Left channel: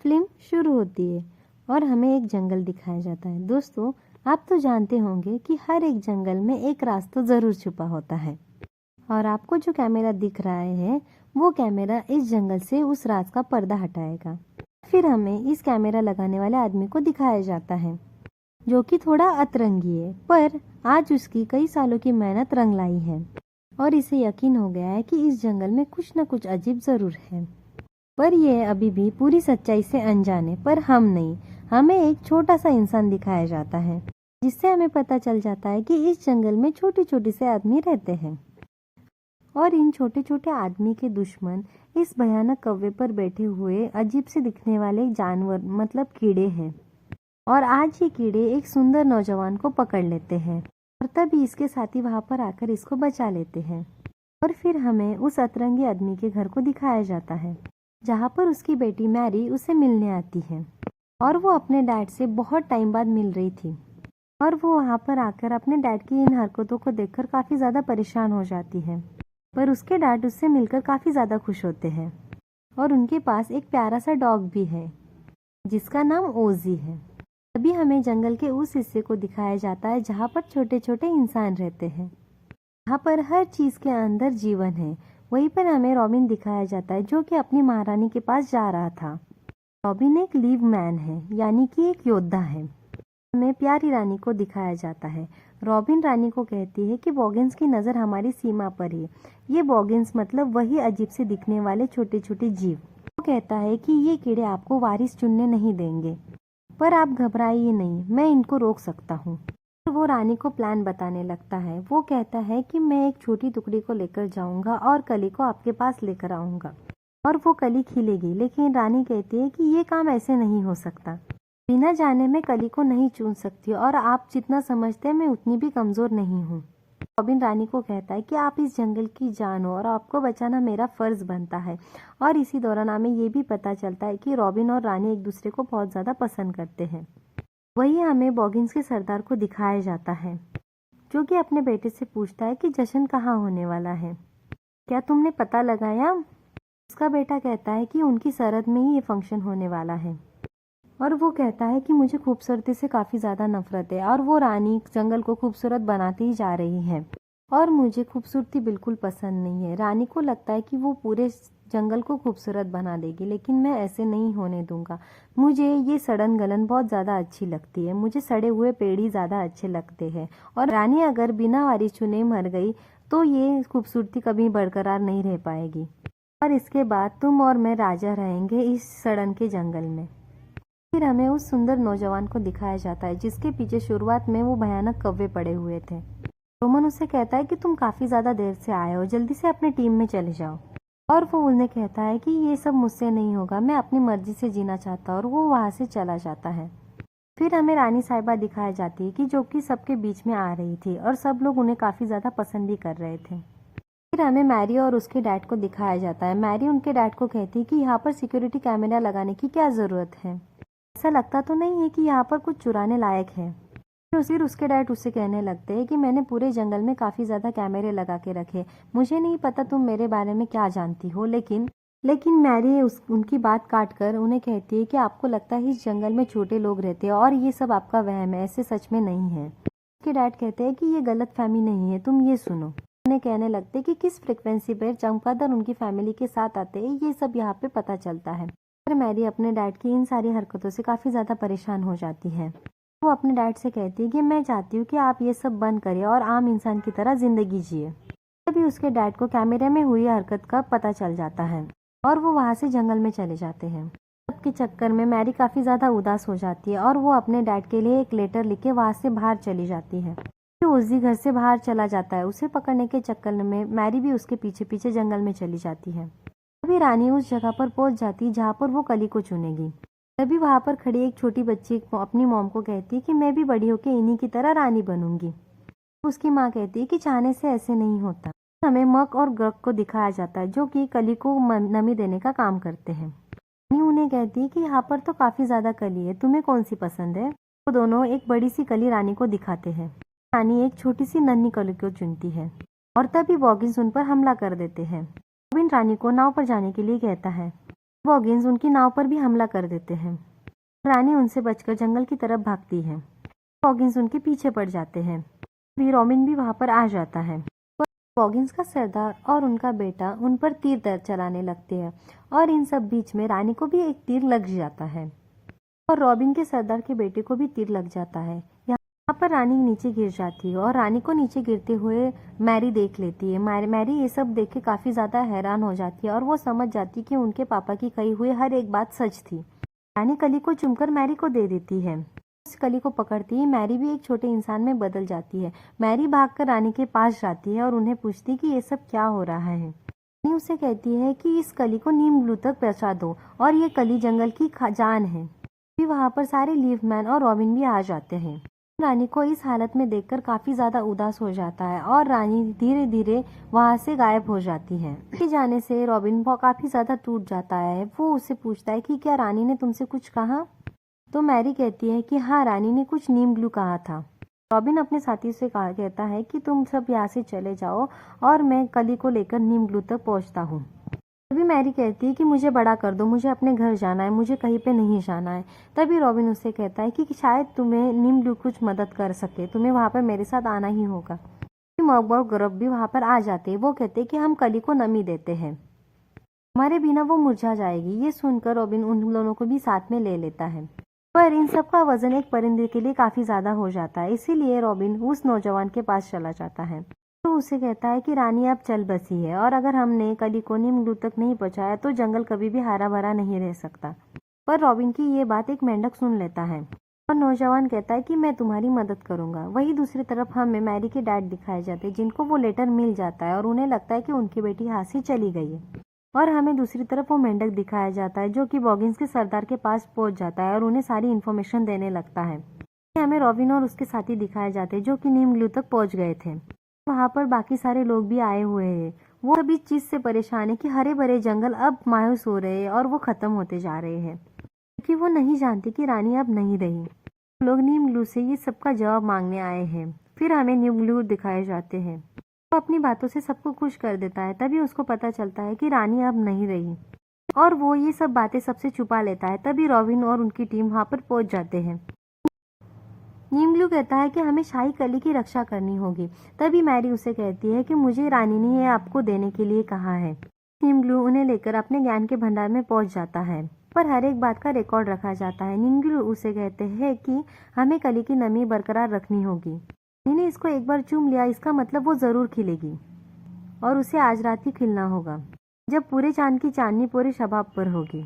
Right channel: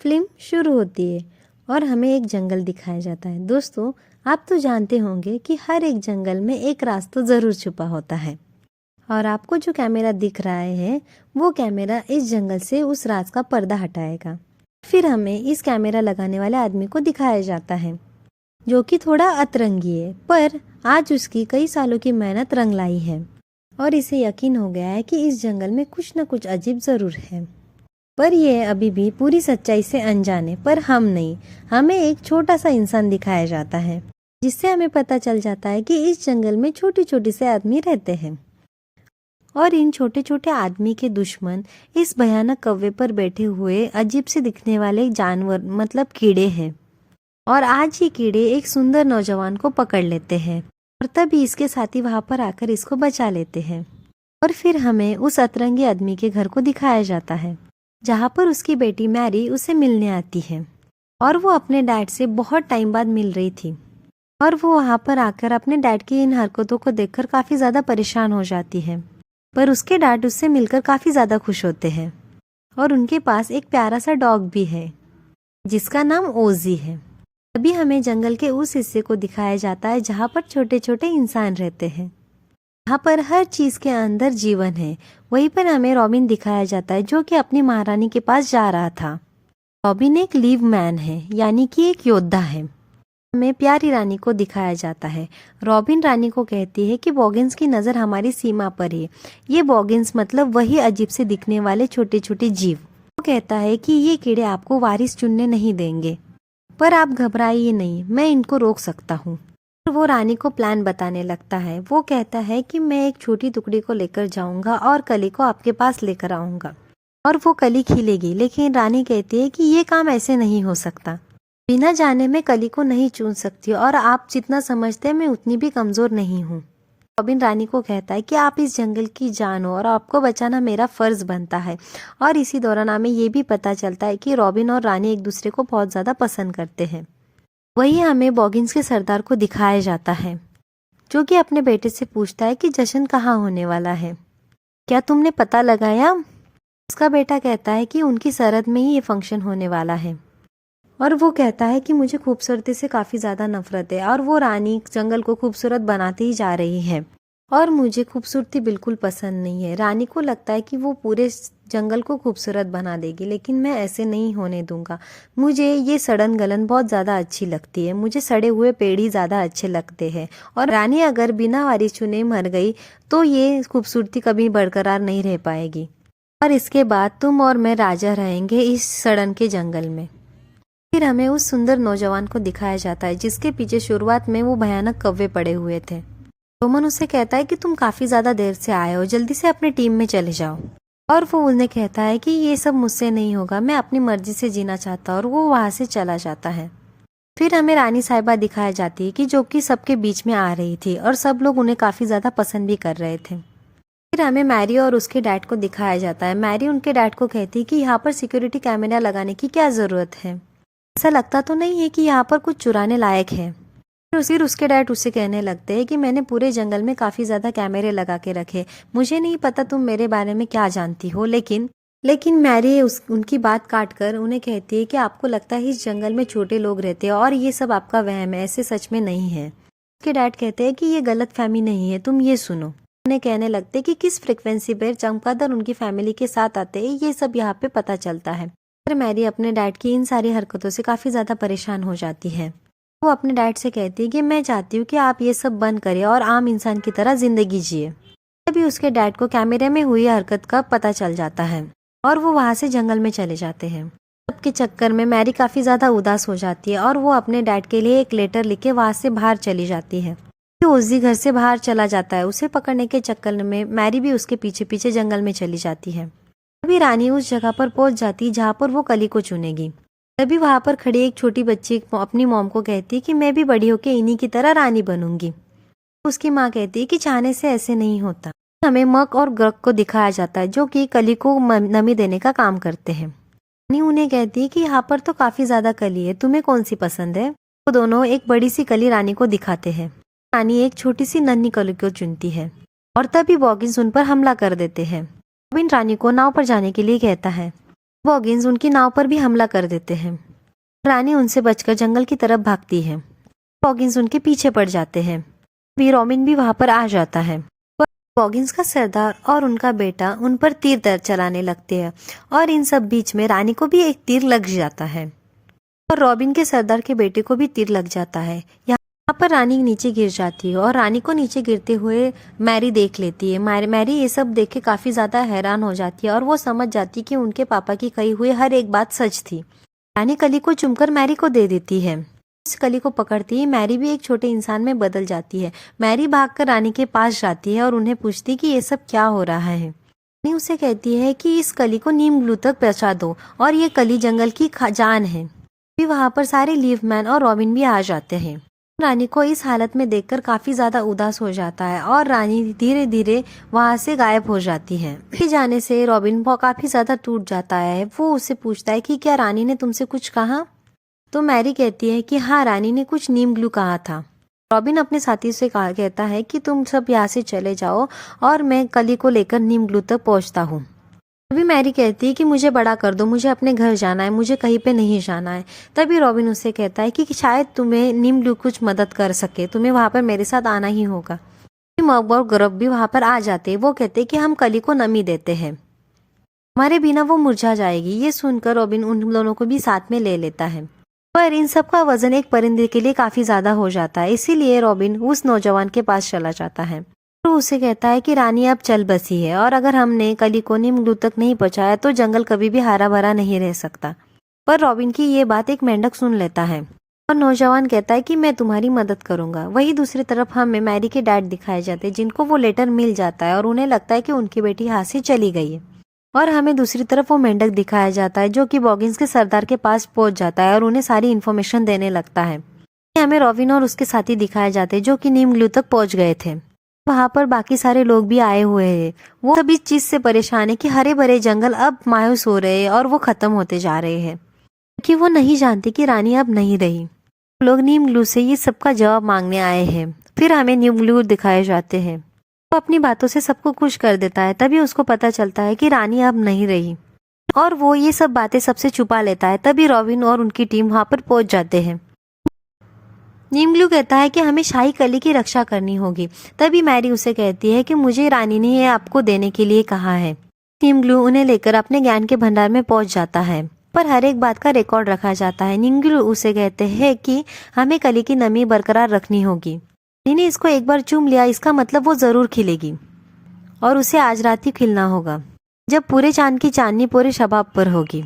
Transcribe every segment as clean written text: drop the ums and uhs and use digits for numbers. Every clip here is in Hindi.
फिल्म शुरू होती है और हमें एक जंगल दिखाया जाता है। दोस्तों, आप तो जानते होंगे कि हर एक जंगल में एक राज तो ज़रूर छुपा होता है और आपको जो कैमरा दिख रहा है वो कैमरा इस जंगल से उस राज का पर्दा हटाएगा। फिर हमें इस कैमरा लगाने वाले आदमी को दिखाया जाता है जो कि थोड़ा अतरंगी है, पर आज उसकी कई सालों की मेहनत रंग लाई है और इसे यकीन हो गया है कि इस जंगल में कुछ न कुछ अजीब ज़रूर है। पर यह अभी भी पूरी सच्चाई से अनजान है। पर हम नहीं, हमें एक छोटा सा इंसान दिखाया जाता है जिससे हमें पता चल जाता है कि इस जंगल में छोटे छोटे से आदमी रहते हैं और इन छोटे छोटे आदमी के दुश्मन इस भयानक कौवे पर बैठे हुए अजीब से दिखने वाले जानवर मतलब कीड़े हैं। और आज ये कीड़े एक सुंदर नौजवान को पकड़ लेते हैं और तभी इसके साथी वहां पर आकर इसको बचा लेते हैं। और फिर हमें उस अतरंगी आदमी के घर को दिखाया जाता है जहाँ पर उसकी बेटी मैरी उसे मिलने आती है और वो अपने डैड से बहुत टाइम बाद मिल रही थी और वो वहाँ पर आकर अपने डैड की इन हरकतों को देखकर काफ़ी ज़्यादा परेशान हो जाती है। पर उसके डैड उससे मिलकर काफ़ी ज़्यादा खुश होते हैं और उनके पास एक प्यारा सा डॉग भी है जिसका नाम ओजी है। तभी हमें जंगल के उस हिस्से को दिखाया जाता है जहाँ पर छोटे छोटे इंसान रहते हैं, जहाँ पर हर चीज के अंदर जीवन है। वहीं पर हमें रॉबिन दिखाया जाता है जो कि अपनी महारानी के पास जा रहा था। रॉबिन एक लीव मैन है, यानी कि एक योद्धा है। हमें प्यारी रानी को दिखाया जाता है। रॉबिन रानी को कहती है कि बॉगिन्स की नज़र हमारी सीमा पर है। ये बॉगिन्स मतलब वही अजीब से दिखने वाले छोटे छोटे जीव। वो कहता है कि ये कीड़े आपको वारिस चुनने नहीं देंगे, पर आप घबराइए नहीं, मैं इनको रोक सकता हूँ। वो रानी को प्लान बताने लगता है। वो कहता है कि मैं एक छोटी टुकड़ी को लेकर जाऊंगा और कली को आपके पास लेकर आऊंगा और वो कली खिलेगी। लेकिन रानी कहती है कि ये काम ऐसे नहीं हो सकता, बिना जाने मैं कली को नहीं चुन सकती और आप जितना समझते हैं मैं उतनी भी कमजोर नहीं हूँ। रॉबिन रानी को कहता है कि आप इस जंगल की जान हो और आपको बचाना मेरा फर्ज बनता है। और इसी दौरान हमें ये भी पता चलता है कि रॉबिन और रानी एक दूसरे को बहुत ज़्यादा पसंद करते हैं। वही हमें बॉगिन्स के सरदार को दिखाया जाता है जो कि अपने बेटे से पूछता है कि जश्न कहाँ होने वाला है, क्या तुमने पता लगाया। उसका बेटा कहता है कि उनकी सरहद में ही ये फंक्शन होने वाला है और वो कहता है कि मुझे खूबसूरती से काफ़ी ज़्यादा नफरत है और वो रानी जंगल को खूबसूरत बनाती ही जा रही है और मुझे खूबसूरती बिल्कुल पसंद नहीं है। रानी को लगता है कि वो पूरे जंगल को खूबसूरत बना देगी, लेकिन मैं ऐसे नहीं होने दूंगा। मुझे ये सड़न गलन बहुत ज़्यादा अच्छी लगती है, मुझे सड़े हुए पेड़ ही ज़्यादा अच्छे लगते हैं और रानी अगर बिना वारिस चुने मर गई तो ये खूबसूरती कभी बरकरार नहीं रह पाएगी और इसके बाद तुम और मैं राजा रहेंगे इस सड़न के जंगल में। फिर हमें उस सुंदर नौजवान को दिखाया जाता है जिसके पीछे शुरुआत में वो भयानक कौवे पड़े हुए थे। रोमन उसे कहता है कि तुम काफी ज्यादा देर से आए हो, जल्दी से अपनी टीम में चले जाओ। और वो उन्हें कहता है कि ये सब मुझसे नहीं होगा, मैं अपनी मर्जी से जीना चाहता हूँ और वो वहां से चला जाता है। फिर हमें रानी साहिबा दिखाई जाती है कि जो कि सबके बीच में आ रही थी और सब लोग उन्हें काफी ज्यादा पसंद भी कर रहे थे। फिर हमें मैरी और उसके डैड को दिखाया जाता है। मैरी उनके डैड को कहती है कि यहाँ पर सिक्योरिटी कैमरा लगाने की क्या जरूरत है, ऐसा लगता तो नहीं है कि यहाँ पर कुछ चुराने लायक है। फिर उसके डैड उससे कहने लगते हैं कि मैंने पूरे जंगल में काफी ज्यादा कैमरे लगा के रखे, मुझे नहीं पता तुम मेरे बारे में क्या जानती हो। लेकिन मैरी उनकी बात काट कर उन्हें कहती है कि आपको लगता है इस जंगल में छोटे लोग रहते हैं और ये सब आपका वहम है, ऐसे सच में नहीं है। उसके डैड कहते हैं कि ये गलत फहमी नहीं है, तुम ये सुनो। उन्हें कहने लगते कि किस फ्रिक्वेंसी पर चमगादड़ उनकी फैमिली के साथ आते हैं, ये सब यहाँ पे पता चलता है। पर मैरी अपने डैड की इन सारी हरकतों से काफी ज्यादा परेशान हो जाती है। वो अपने डैड से कहती है कि मैं चाहती हूँ कि आप ये सब बंद करें और आम इंसान की तरह जिंदगी जिए। तभी उसके डैड को कैमरे में हुई हरकत का पता चल जाता है और वो वहां से जंगल में चले जाते हैं। सबके चक्कर में मैरी काफी ज्यादा उदास हो जाती है और वो अपने डैड के लिए एक लेटर लिख के वहां से बाहर चली जाती है। ओजी घर से बाहर चला जाता है, उसे पकड़ने के चक्कर में मैरी भी उसके पीछे पीछे जंगल में चली जाती है। तभी रानी उस जगह पर पहुंच जाती जहाँ पर वो कली को चुनेगी। तभी वहां पर खड़ी एक छोटी बच्ची अपनी मॉम को कहती है कि मैं भी बड़ी होके इन्हीं की तरह रानी बनूंगी। उसकी माँ कहती है कि चाहने से ऐसे नहीं होता। हमें मक और ग्रक को दिखाया जाता है जो कि कली को नमी देने का काम करते हैं। रानी उन्हें कहती है कि यहाँ पर तो काफी ज्यादा कली है, तुम्हें कौन सी पसंद है। वो दोनों एक बड़ी सी कली रानी को दिखाते हैं। रानी एक छोटी सी नन्ही कली को चुनती है और तभी बॉगिन्स उन पर हमला कर देते हैं। रॉबिन रानी को नाव पर जाने के लिए कहता है। बॉगिन्स उनकी नाव पर भी हमला कर देते हैं। रानी उनसे बचकर जंगल की तरफ भागती है। बॉगिन्स उनके पीछे पड़ जाते हैं। रॉबिन भी वहां पर आ जाता है। बॉगिन्स का सरदार और उनका बेटा उन पर तीर चलाने लगते हैं और इन सब बीच में रानी को भी एक तीर लग जाता है और रॉबिन के सरदार के बेटे को भी तीर लग जाता है। यहाँ पर रानी नीचे गिर जाती है और रानी को नीचे गिरते हुए मैरी देख लेती है। मैरी ये सब देख के काफी ज्यादा हैरान हो जाती है और वो समझ जाती है कि उनके पापा की कही हुई हर एक बात सच थी। रानी कली को चुमकर मैरी को दे देती है। इस कली को पकड़ती ही मैरी भी एक छोटे इंसान में बदल जाती है। मैरी भागकर रानी के पास जाती है और उन्हें पूछती है कि ये सब क्या हो रहा है। रानी उसे कहती है कि इस कली को नीम ग्लू तक पहुंचा दो और ये कली जंगल की जान है। भी वहां पर सारे लीफमैन और रॉबिन भी आ जाते हैं। रानी को इस हालत में देखकर काफी ज्यादा उदास हो जाता है और रानी धीरे धीरे वहां से गायब हो जाती है। उसके जाने से रॉबिन काफी ज्यादा टूट जाता है। वो उससे पूछता है कि क्या रानी ने तुमसे कुछ कहा? तो मैरी कहती है कि हाँ, रानी ने कुछ नीम ग्लू कहा था। रॉबिन अपने साथी से कहता है कि तुम सब यहाँ से चले जाओ और मैं कली को लेकर नीम ग्लू तक पहुंचता हूँ। तभी मैरी कहती है कि मुझे बड़ा कर दो, मुझे अपने घर जाना है, मुझे कहीं पे नहीं जाना है। तभी रॉबिन उससे कहता है कि शायद तुम्हें नीम ग्लू कुछ मदद कर सके, तुम्हें वहां पर मेरे साथ आना ही होगा। मग और ग्रब भी वहां पर आ जाते हैं। वो कहते हैं कि हम कली को नमी देते हैं, हमारे बिना वो मुरझा जाएगी। ये सुनकर रॉबिन उन दोनों को भी साथ में ले लेता है, पर इन सब का वजन एक परिंदे के लिए काफी ज्यादा हो जाता है। इसीलिए रॉबिन उस नौजवान के पास चला जाता है तो उसे कहता है कि रानी अब चल बसी है और अगर हमने कली को नीम ग्लू तक नहीं पहुंचाया तो जंगल कभी भी हरा भरा नहीं रह सकता। पर रॉबिन की ये बात एक मेंढक सुन लेता है और नौजवान कहता है कि मैं तुम्हारी मदद करूंगा। वही दूसरी तरफ हमें मैरी के डैड दिखाए जाते हैं, जिनको वो लेटर मिल जाता है और उन्हें लगता है कि उनकी बेटी हाथ से चली गई है। और हमें दूसरी तरफ वो मेंढक दिखाया जाता है जो कि बॉगिन्स के सरदार के पास पहुंच जाता है और उन्हें सारी इन्फॉर्मेशन देने लगता है। हमें रॉबिन और उसके साथी दिखाए जाते हैं जो कि नीम ग्लू तक पहुंच गए थे। वहां पर बाकी सारे लोग भी आए हुए हैं। वो सब इस चीज से परेशान है कि हरे भरे जंगल अब मायूस हो रहे हैं और वो खत्म होते जा रहे हैं, क्योंकि वो नहीं जानते कि रानी अब नहीं रही। लोग नीम ग्लू से ये सबका जवाब मांगने आए हैं। फिर हमें नीम ग्लू दिखाए जाते हैं। वो अपनी बातों से सबको खुश कर देता है। तभी उसको पता चलता है कि रानी अब नहीं रही और वो ये सब बातें सबसे छुपा लेता है। तभी रॉबिन और उनकी टीम वहां पर पहुंच जाते हैं। नीम ग्लू कहता है कि हमें शाही कली की रक्षा करनी होगी। तभी मैरी उसे कहती है कि मुझे रानी ने ये आपको देने के लिए कहा है। नीम ग्लू उन्हें लेकर अपने ज्ञान के भंडार में पहुंच जाता है, पर हर एक बात का रिकॉर्ड रखा जाता है। नीम ग्लू उसे कहते हैं कि हमें कली की नमी बरकरार रखनी होगी। ने इसको एक बार चूम लिया, इसका मतलब वो जरूर खिलेगी और उसे आज रात ही खिलना होगा, जब पूरे चांद की चांदनी पूरे शबाब पर होगी।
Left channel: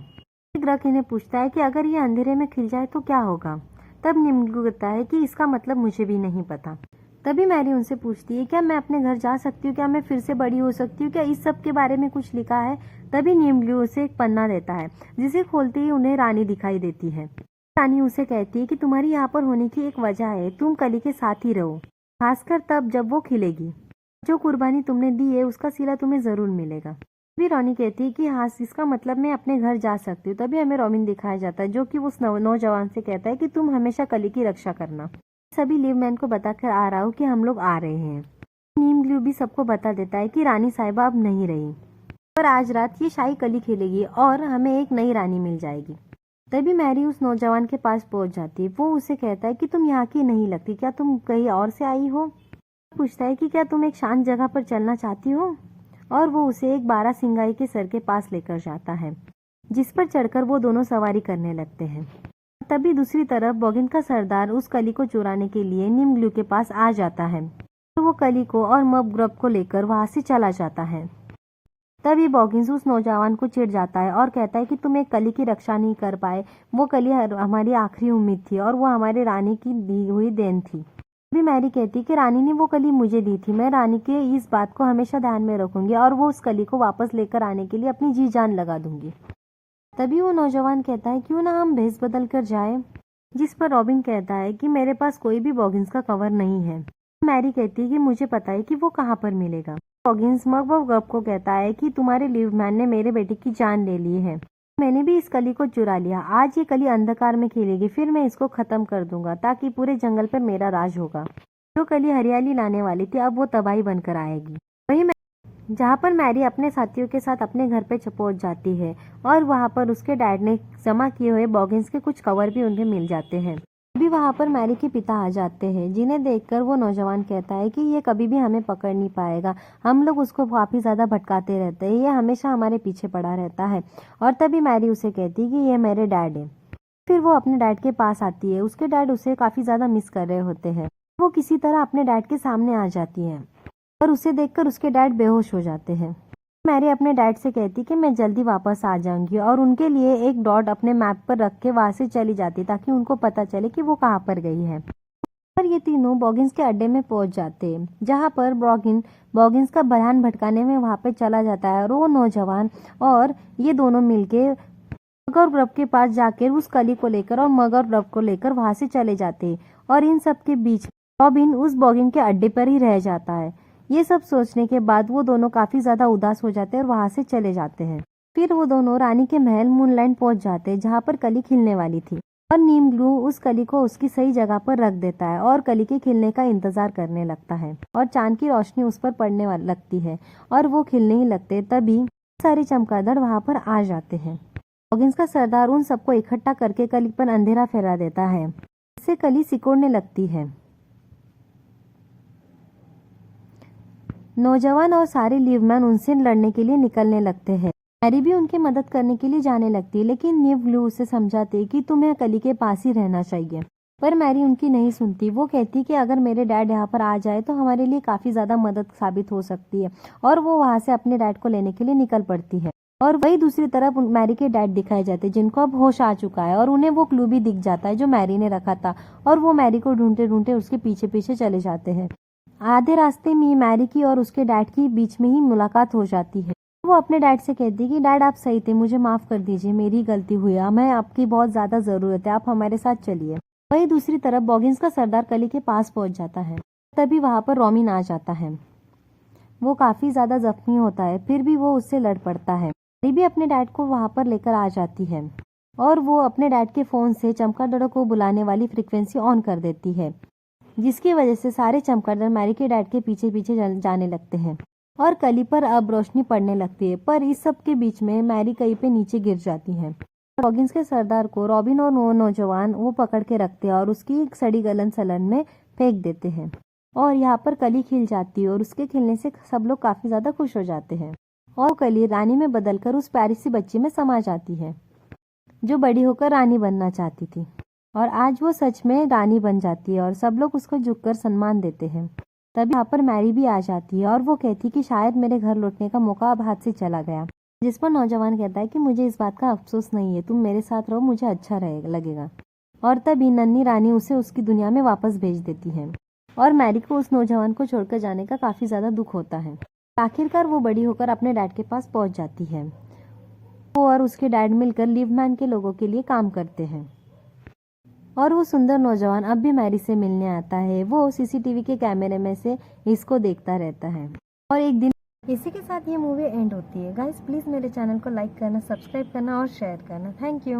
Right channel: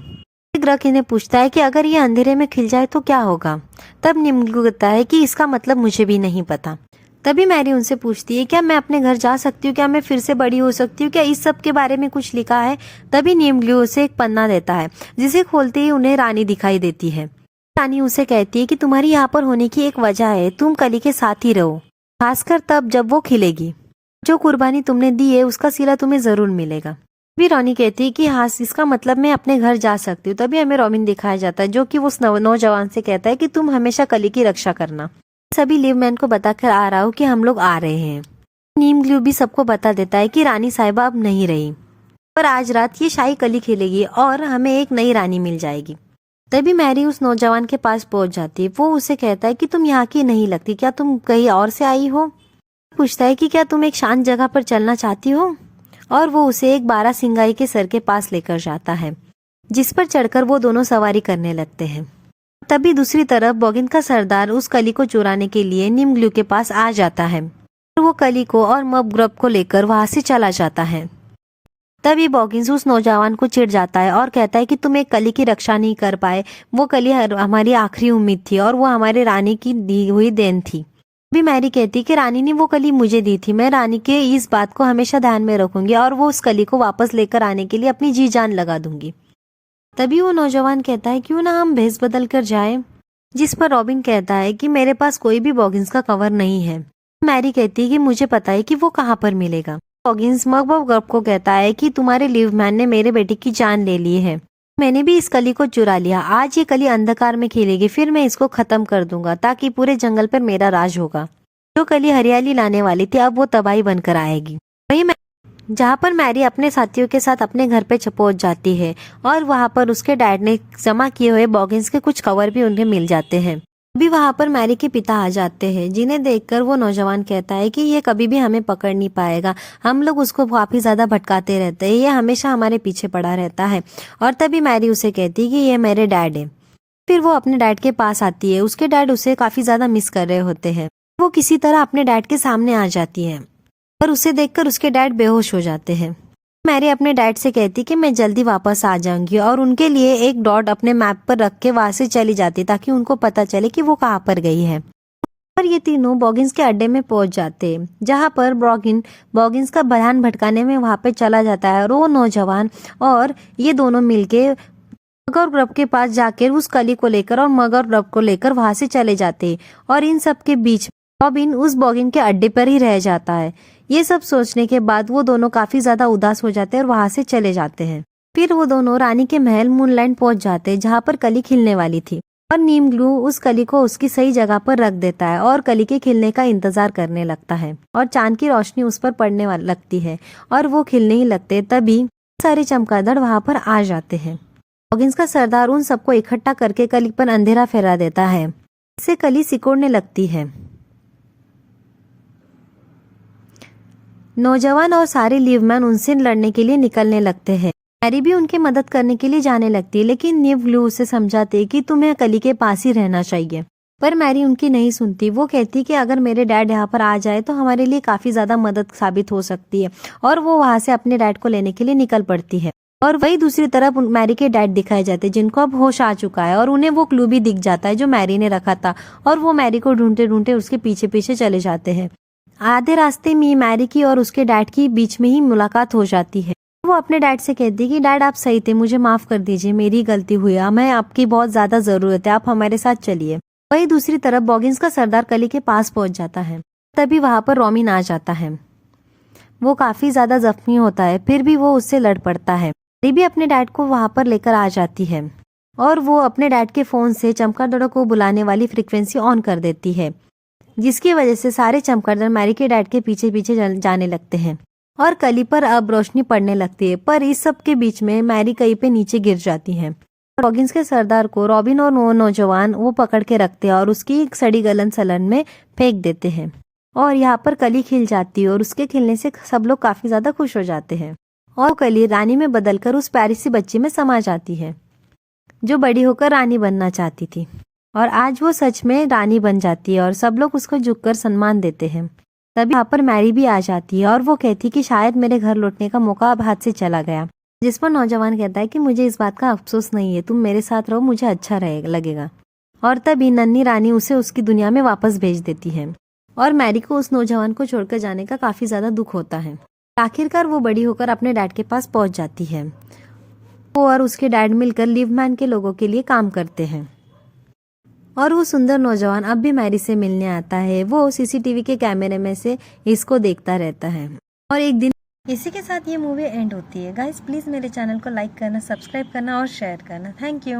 ग्रक इन्हें पूछता है कि अगर ये अंधेरे में खिल जाए तो क्या होगा। तब निम्गलू कहता है कि इसका मतलब मुझे भी नहीं पता। तभी मैरी उनसे पूछती है क्या मैं अपने घर जा सकती हूँ, क्या मैं फिर से बड़ी हो सकती हूँ, क्या इस सब के बारे में कुछ लिखा है। तभी निम्गलू उसे एक पन्ना देता है, जिसे खोलते ही उन्हें रानी दिखाई देती है। रानी उसे कहती है कि तुम्हारी यहाँ पर होने की एक वजह है, तुम कली के साथ ही रहो, खासकर तब जब वो खिलेगी। जो कुर्बानी तुमने दी है उसका सिला तुम्हें जरूर मिलेगा। भी रानी कहती है कि हाँ, इसका मतलब मैं अपने घर जा सकती हूँ। तभी हमें रॉबिन दिखाया जाता है जो कि उस नौजवान से कहता है कि तुम हमेशा कली की रक्षा करना। सभी लिवमैन को बताकर आ रहा हूँ कि हम लोग आ रहे हैं। नीम ग्लू भी सबको बता देता है कि रानी साहिबा अब नहीं रही, पर आज रात ये शाही कली खिलेगी और हमें एक नई रानी मिल जाएगी। तभी मैरी उस नौजवान के पास पहुंच जाती है। वो उसे कहता है कि तुम यहाँ की नहीं लगती, क्या तुम कहीं और से आई हो। पूछता है कि क्या तुम एक शांत जगह पर चलना चाहती हो, और वो उसे एक बारासिंगाई के सर के पास लेकर जाता है, जिस पर चढ़कर वो दोनों सवारी करने लगते हैं। तभी दूसरी तरफ बॉगिन का सरदार उस कली को चुराने के लिए निम्गलू के पास आ जाता है और वो कली को और मबग्रब को लेकर वहां से चला जाता है। तभी बॉगिन्स उस नौजवान को चिढ़ जाता है और कहता है कि तुम एक कली की रक्षा नहीं कर पाए, वो कली हमारी आखिरी उम्मीद थी और वो हमारे रानी की दी हुई देन थी। भी मैरी कहती कि रानी ने वो कली मुझे दी थी, मैं रानी के इस बात को हमेशा ध्यान में रखूंगी और वो उस कली को वापस लेकर आने के लिए अपनी जी जान लगा दूंगी। तभी वो नौजवान कहता है क्यों ना हम भेस बदल कर जाए, जिस पर रॉबिन कहता है कि मेरे पास कोई भी बॉगिन्स का कवर नहीं है। मैरी कहती है कि मुझे पता है कि वो कहाँ पर मिलेगा। बॉगिन्स मबग्रब को कहता है कि तुम्हारे लिवमैन ने मेरे बेटे की जान ले ली है, मैंने भी इस कली को चुरा लिया। आज ये कली अंधकार में खिलेगी, फिर मैं इसको खत्म कर दूंगा ताकि पूरे जंगल पर मेरा राज होगा। जो कली हरियाली लाने वाली थी अब वो तबाही बनकर आएगी। वही जहाँ पर मैरी अपने साथियों के साथ अपने घर पे पहुंच जाती है और वहाँ पर उसके डैड ने जमा किए हुए बॉगिन्स के कुछ कवर भी उन्हें मिल जाते हैं। अभी वहाँ पर मैरी के पिता आ जाते हैं, जिन्हें देखकर वो नौजवान कहता है कि ये कभी भी हमें पकड़ नहीं पाएगा, हम लोग उसको काफी ज्यादा भटकाते रहते हैं, ये हमेशा हमारे पीछे पड़ा रहता है। और तभी मैरी उसे कहती है कि ये मेरे डैड है। फिर वो अपने डैड के पास आती है। उसके डैड उसे काफी ज्यादा मिस कर रहे होते हैं। वो किसी तरह अपने डैड के सामने आ जाती है और उसे देखकर उसके डैड बेहोश हो जाते हैं। मैरी अपने डैड से कहती कि मैं जल्दी वापस आ जाऊंगी और उनके लिए एक डॉट अपने मैप पर रख के वहां से चली जाती ताकि उनको पता चले कि वो कहाँ पर गई है। और ये तीनों बॉगिन्स के अड्डे में पहुंच जाते हैं, जहाँ पर बॉगिन्स का ध्यान भटकाने में वहां पे चला जाता है और वो नौजवान और ये दोनों मिलके मगर ग्रुप के पास जाकर उस कली को लेकर और मगर ग्रुप को लेकर वहां से चले जाते हैं। और इन सब के बीच रॉबिन उस बॉगिन के अड्डे पर ही रह जाता है। ये सब सोचने के बाद वो दोनों काफी ज्यादा उदास हो जाते हैं और वहां से चले जाते हैं। फिर वो दोनों रानी के महल मूनलैंड पहुंच जाते हैं, जहाँ पर कली खिलने वाली थी। और नीम ग्लू उस कली को उसकी सही जगह पर रख देता है और कली के खिलने का इंतजार करने लगता है और चांद की रोशनी उस पर पड़ने लगती है और वो खिलने ही लगते। तभी सारे चमगादड़ वहां पर आ जाते हैं। बॉगिन्स का सरदार उन सबको इकट्ठा करके कली पर अंधेरा फैला देता है। इससे कली सिकुड़ने लगती है। नौजवान और सारे लीवमैन उनसे लड़ने के लिए निकलने लगते हैं। मैरी भी उनकी मदद करने के लिए जाने लगती है, लेकिन नीव ग्लू उसे समझाते कि तुम्हें कली के पास ही रहना चाहिए। पर मैरी उनकी नहीं सुनती। वो कहती कि अगर मेरे डैड यहाँ पर आ जाए तो हमारे लिए काफी ज्यादा मदद साबित हो सकती है। और वो वहां से अपने डैड को लेने के लिए निकल पड़ती है। और वही दूसरी तरफ मैरी के डैड दिखाए जाते हैं, जिनको अब होश आ चुका है और उन्हें वो क्लू भी दिख जाता है जो मैरी ने रखा था। और वो मैरी को ढूंढते ढूंढते उसके पीछे पीछे चले जाते हैं। आधे रास्ते में मैरी की और उसके डैड की बीच में ही मुलाकात हो जाती है। वो अपने डैड से कहती है कि डैड आप सही थे, मुझे माफ कर दीजिए, मेरी गलती हुई, हमें आपकी बहुत ज्यादा जरूरत है, आप हमारे साथ चलिए। वही दूसरी तरफ बॉगिन्स का सरदार कली के पास पहुंच जाता है। तभी वहां पर रॉबिन आ जाता है। वो काफी ज्यादा जख्मी होता है, फिर भी वो उससे लड़ पड़ता है। मैरी भी अपने डैड को वहां पर लेकर आ जाती है और वो अपने डैड के फोन से चमगादड़ों को बुलाने वाली फ्रीक्वेंसी ऑन कर देती है, जिसकी वजह से सारे चमगादड़ मैरी के डैड के पीछे पीछे जाने लगते हैं और कली पर अब रोशनी पड़ने लगती है। पर इस सब के बीच में मैरी कहीं पे नीचे गिर जाती है। बॉगिन्स के सरदार को रॉबिन और नौजवान वो पकड़ के रखते हैं और उसकी एक सड़ी गलन सलन में फेंक देते हैं। और यहाँ पर कली खिल जाती है और उसके खिलने से सब लोग काफी ज्यादा खुश हो जाते हैं। और कली रानी में बदलकर उस प्यारी सी बच्ची में समा जाती है, जो बड़ी होकर रानी बनना चाहती थी। और आज वो सच में रानी बन जाती है और सब लोग उसको झुककर सम्मान देते हैं। तभी यहाँ पर मैरी भी आ जाती है और वो कहती कि शायद मेरे घर लौटने का मौका अब हाथ से चला गया। जिस पर नौजवान कहता है कि मुझे इस बात का अफसोस नहीं है, तुम मेरे साथ रहो, मुझे अच्छा लगेगा। और तभी नन्ही रानी उसे उसकी दुनिया में वापस भेज देती है और मैरी को उस नौजवान को छोड़कर जाने का काफी ज्यादा दुख होता है। आखिरकार वो बड़ी होकर अपने डैड के पास पहुंच जाती है। वो और उसके डैड मिलकर लीवमैन के लोगों के लिए काम करते हैं। और वो सुंदर नौजवान अब भी मैरी से मिलने आता है। वो सीसीटीवी के कैमरे में से इसको देखता रहता है। और एक दिन इसी के साथ ये मूवी एंड होती है। गाइस प्लीज मेरे चैनल को लाइक करना, सब्सक्राइब करना और शेयर करना। Thank you.